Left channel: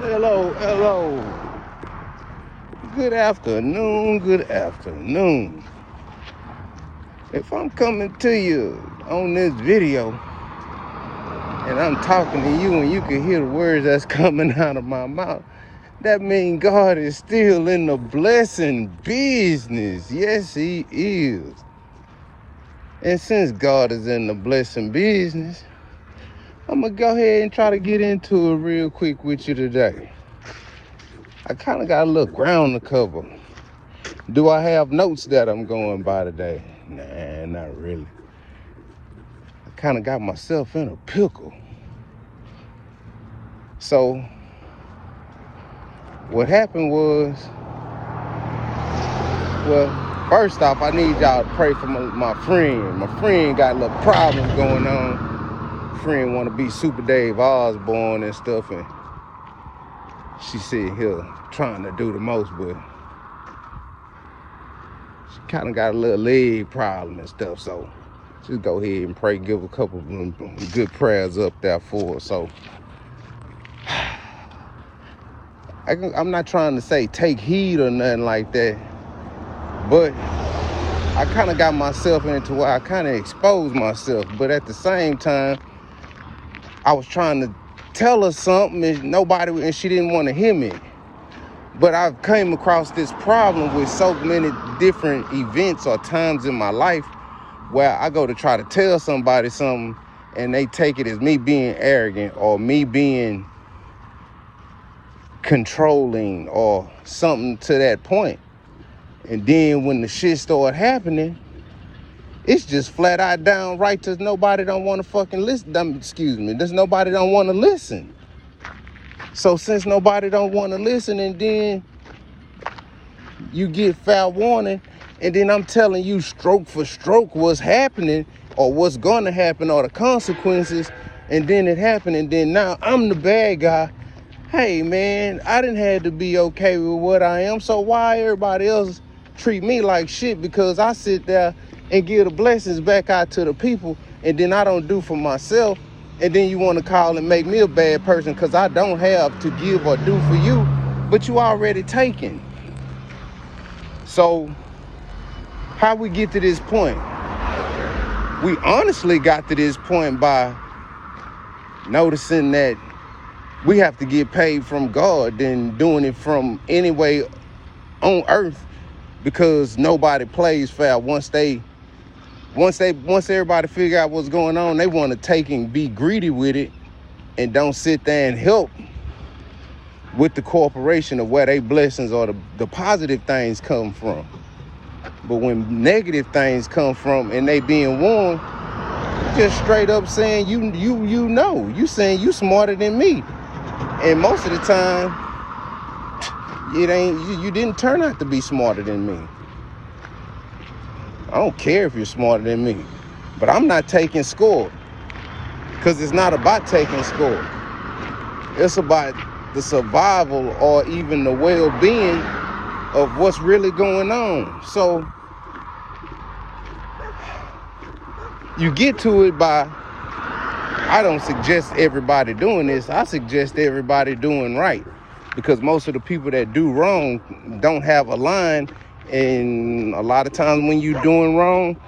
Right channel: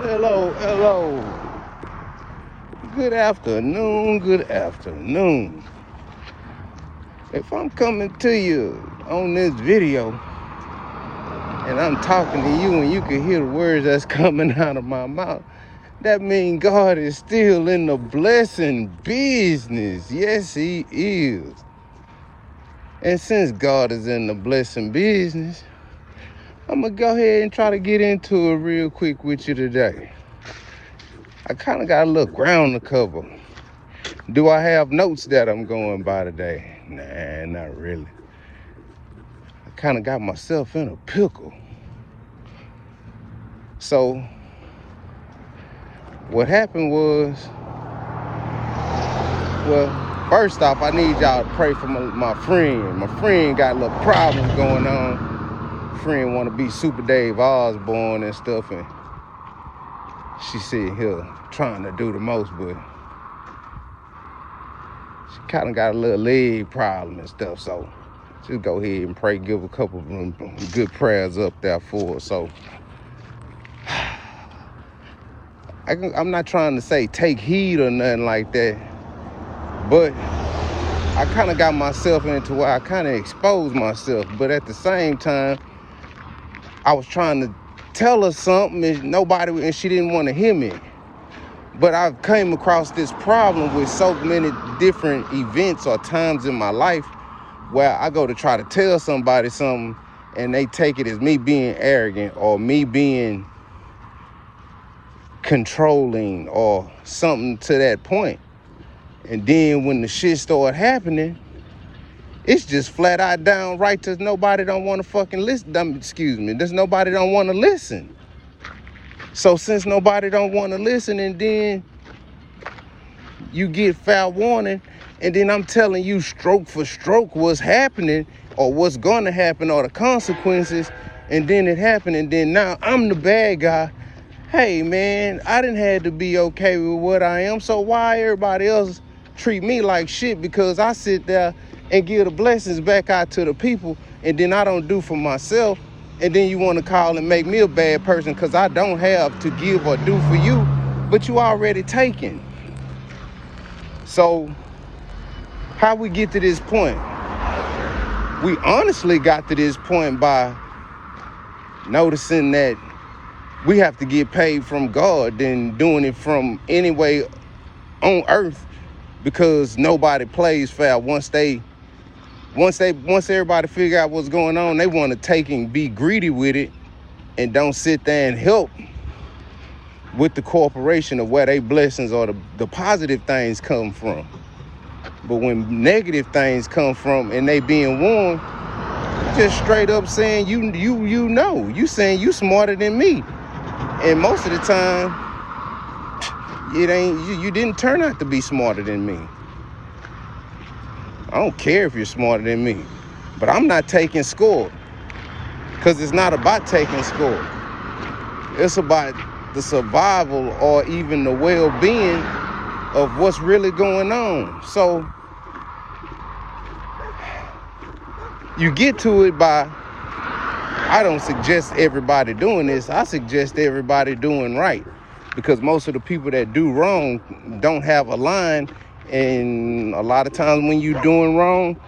Hello, hello. Good afternoon, good afternoon. If I'm coming to you on this video and I'm talking to you and you can hear the words that's coming out of my mouth, that means God is still in the blessing business. Yes, He is. And since God is in the blessing business, I'm going to go ahead and try to get into it real quick with you today. I kind of got a little ground to cover. Do I have notes that I'm going by today? Nah, not really. I kind of got myself in a pickle. So what happened was, well, first off, I need y'all to pray for my friend. My friend got little problems going on. My friend want to be Super Dave Osborne and stuff, and she sitting here trying to do the most, but she kind of got a little leg problem and stuff. So just go ahead and pray, give a couple of good prayers up there for her. So I'm not trying to say take heed or nothing like that, but I kind of got myself into where I kind of exposed myself. But at the same time, I was trying to tell her something and she didn't want to hear me. But I've came across this problem with so many different events or times in my life where I go to try to tell somebody something and they take it as me being arrogant or me being controlling or something to that point. And then when the shit started happening, it's just flat out downright to nobody don't want to fucking listen. Excuse me, there's nobody don't want to listen. So since nobody don't want to listen, and then you get foul warning, and then I'm telling you stroke for stroke what's happening or what's going to happen or the consequences, and then it happened, and then now I'm the bad guy. Hey man, I didn't have to be okay with what I am, so why everybody else treat me like shit because I sit there and give the blessings back out to the people, and then I don't do for myself, and then you want to call and make me a bad person because I don't have to give or do for you, but you already taken. So how we get to this point? We honestly got to this point by noticing that we have to get paid from God than doing it from any way on earth, because nobody plays fair. Once everybody figure out what's going on, they want to take and be greedy with it and don't sit there and help with the corporation of where they blessings or the positive things come from. But when negative things come from and they being warned, just straight up saying you saying you smarter than me. And most of the time, it ain't you didn't turn out to be smarter than me. I don't care if you're smarter than me, but I'm not taking score, because it's not about taking score. It's about the survival or even the well-being of what's really going on. So you get to it by, I don't suggest everybody doing this. I suggest everybody doing right, because most of the people that do wrong don't have a line, and a lot of times when you're doing wrong,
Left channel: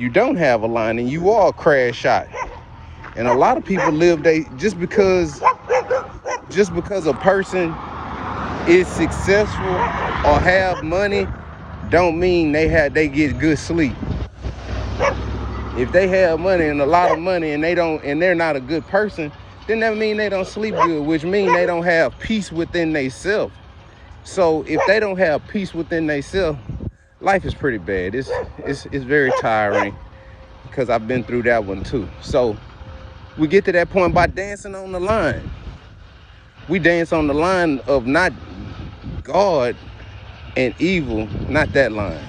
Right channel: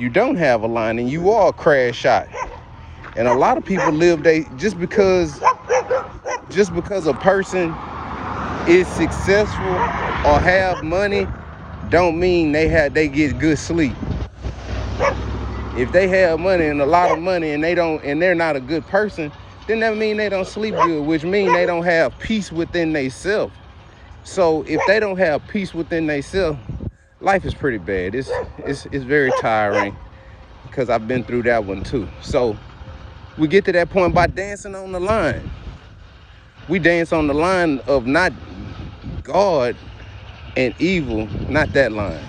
you don't have a line and you are a crash shot. And a lot of people live just because a person is successful or have money don't mean they get good sleep. If they have money and a lot of money and they're not a good person, then that means they don't sleep good, which means they don't have peace within themselves. So if they don't have peace within themselves, life is pretty bad. It's very tiring, because I've been through that one too. So we get to that point by dancing on the line. We dance on the line of not God and evil, not that line.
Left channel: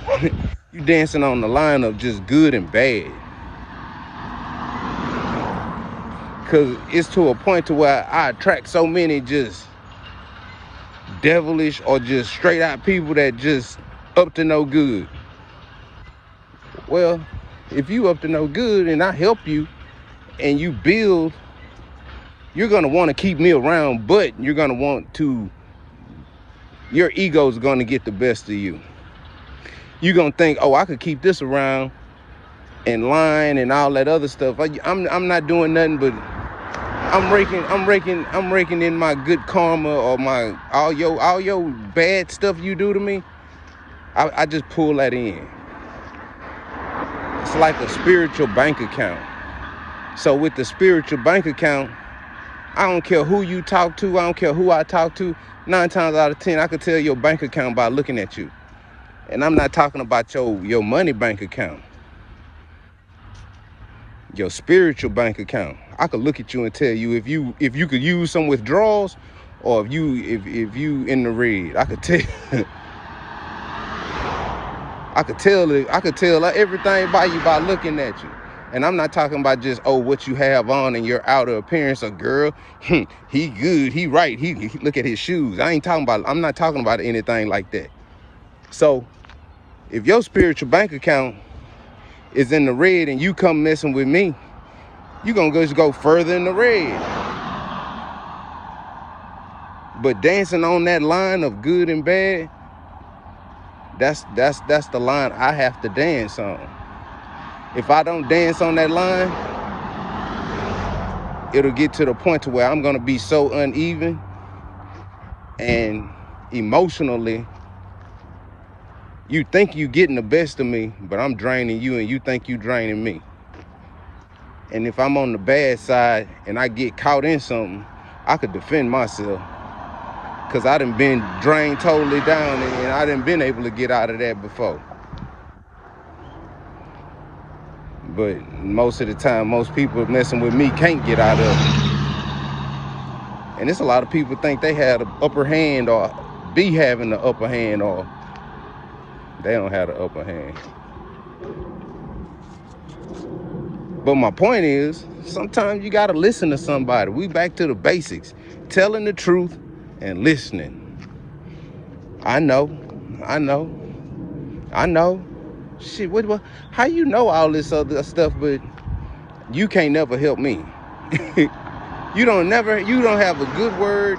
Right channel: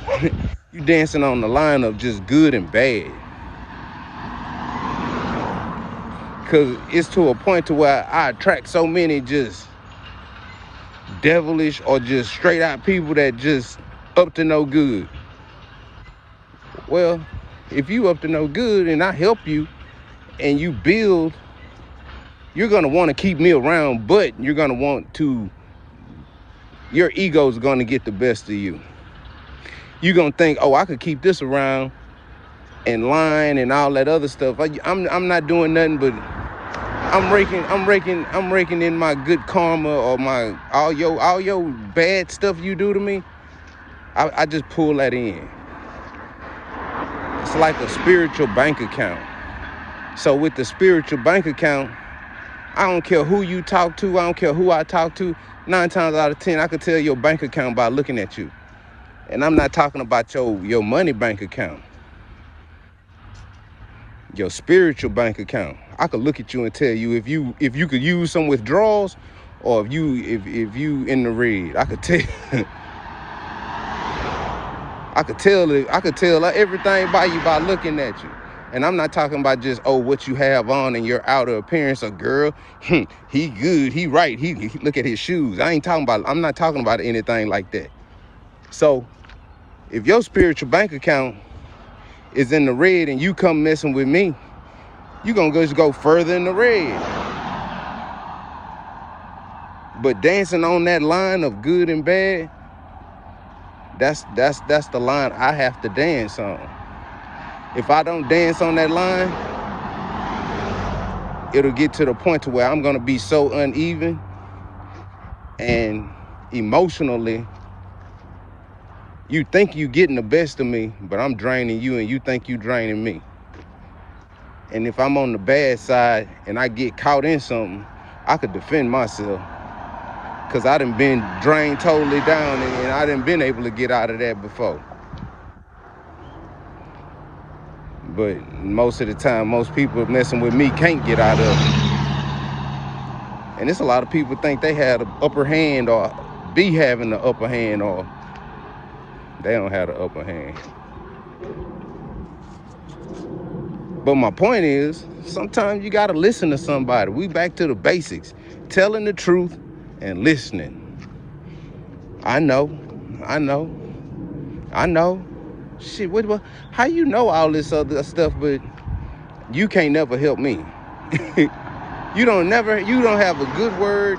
You dancing on the line of just good and bad. Because it's to a point to where I attract so many just devilish or just straight out people that just up to no good. Well, if you up to no good and I help you and you build you're going to want to keep me around, but you're going to want to, your ego's going to get the best of you. You're going to think, oh, I could keep this around and lying and all that other stuff. I'm not doing nothing but I'm raking in my good karma, or my all your bad stuff you do to me. I just pull that in. It's like a spiritual bank account. So with the spiritual bank account, I don't care who you talk to, I don't care who I talk to. 9 times out of 10, I could tell your bank account by looking at you. And I'm not talking about your money bank account. Your spiritual bank account. I could look at you and tell you if you could use some withdrawals, or if you in the red. I could tell. I could tell everything about you by looking at you. And I'm not talking about just, oh, what you have on and your outer appearance. A girl, he good, he right, he look at his shoes. I'm not talking about anything like that. So if your spiritual bank account is in the red and you come messing with me, you're gonna just go further in the red. But dancing on that line of good and bad, that's the line I have to dance on. If I don't dance on that line, it'll get to the point to where I'm gonna be so uneven, and emotionally, you think you getting the best of me, but I'm draining you, and you think you draining me. And if I'm on the bad side and I get caught in something, I could defend myself, because I done been drained totally down, and I done been able to get out of that before. But most of the time, most people messing with me can't get out of it. And there's a lot of people think they have the upper hand, or be having the upper hand, or they don't have the upper hand. But my point is, sometimes you gotta listen to somebody. We back to the basics. Telling the truth and listening. I know. Shit, how you know all this other stuff, but you can't never help me? You don't have a good word.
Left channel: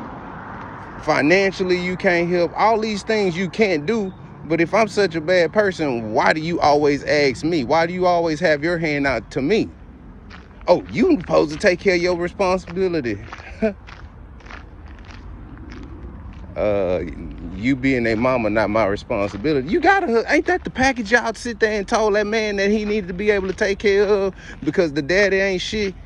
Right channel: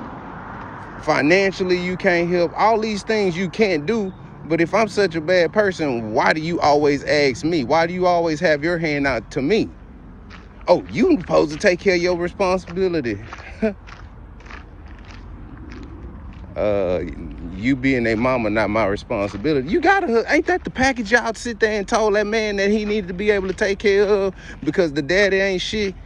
Financially, you can't help. All these things you can't do. But if I'm such a bad person, why do you always ask me? Why do you always have your hand out to me? Oh, you supposed to take care of your responsibility. You being a mama, not my responsibility. You gotta, ain't that the package y'all sit there and told that man that he needed to be able to take care of because the daddy ain't shit?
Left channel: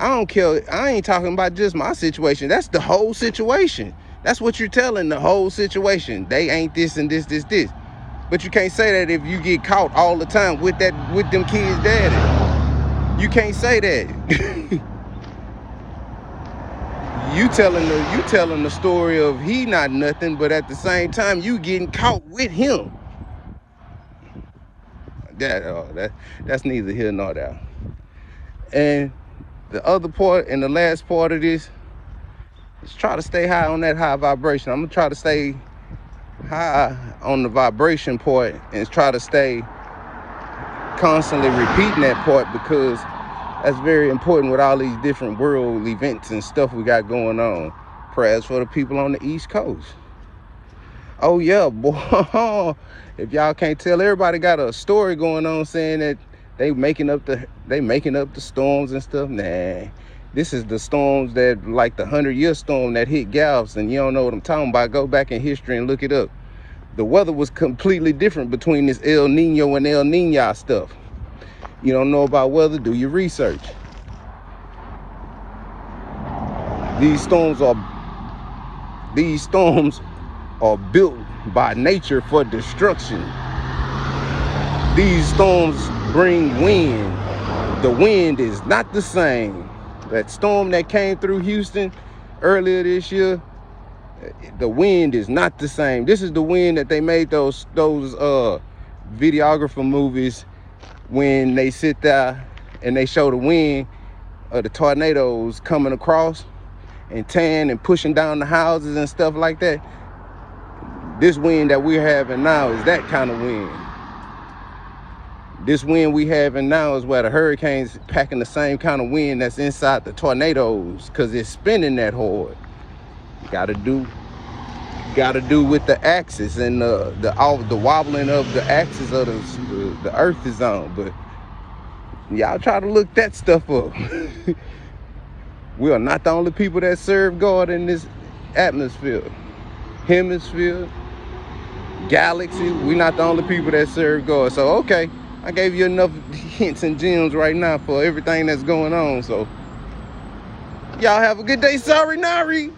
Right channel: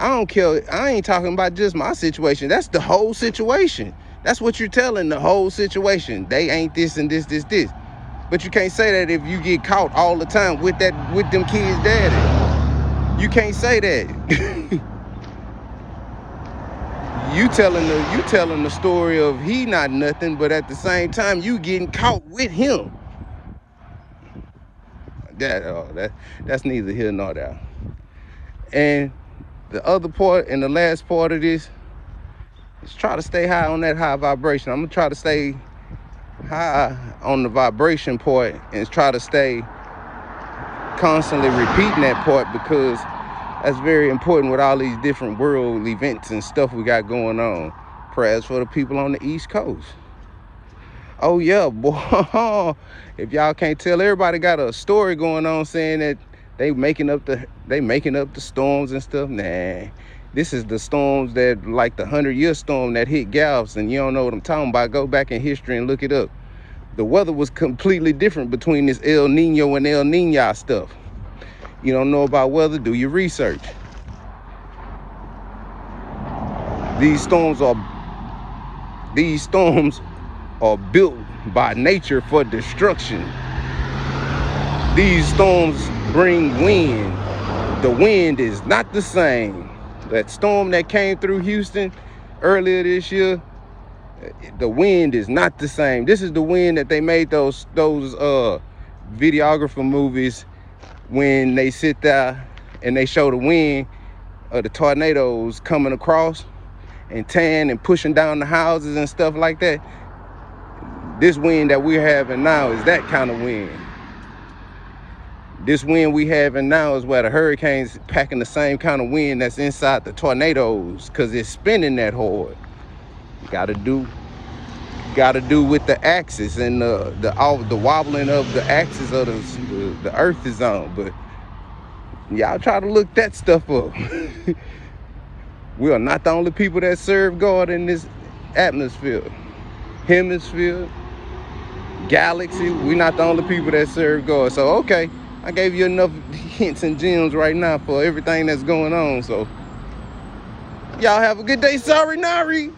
I don't care. I ain't talking about just my situation. That's the whole situation. That's what you're telling, the whole situation. They ain't this and this. But you can't say that if you get caught all the time with them kids' daddy. You can't say that. You telling the story of he not nothing, but at the same time you getting caught with him. That's neither here nor there. And the other part and the last part of this is try to stay high on that high vibration. I'm gonna try to stay high on the vibration part and try to stay constantly repeating that part, because that's very important with all these different world events and stuff we got going on. Prayers for the people on the East Coast. Oh yeah, boy. If y'all can't tell, everybody got a story going on saying that they making up the storms and stuff. Nah, this is the storms that, like the 100-year storm that hit Galveston. You don't know what I'm talking about? Go back in history and look it up. The weather was completely different between this El Nino and El Nino stuff. You don't know about weather? Do your research. These storms are built by nature for destruction. These storms bring wind. The wind is not the same. That storm that came through Houston earlier this year, the wind is not the same. This is the wind that they made those videographer movies when they sit there and they show the wind of the tornadoes coming across and tearing and pushing down the houses and stuff like that. This wind that we're having now is that kind of wind. This wind we having now is where the hurricanes packing the same kind of wind that's inside the tornadoes, because it's spinning that hard. Gotta do with the axis and the wobbling of the axis of the earth is on. But y'all try to look that stuff up. We are not the only people that serve God in this atmosphere, hemisphere, galaxy. We're not the only people that serve God. So okay, I gave you enough hints and gems right now for everything that's going on. So y'all have a good day. Sorry, Nari.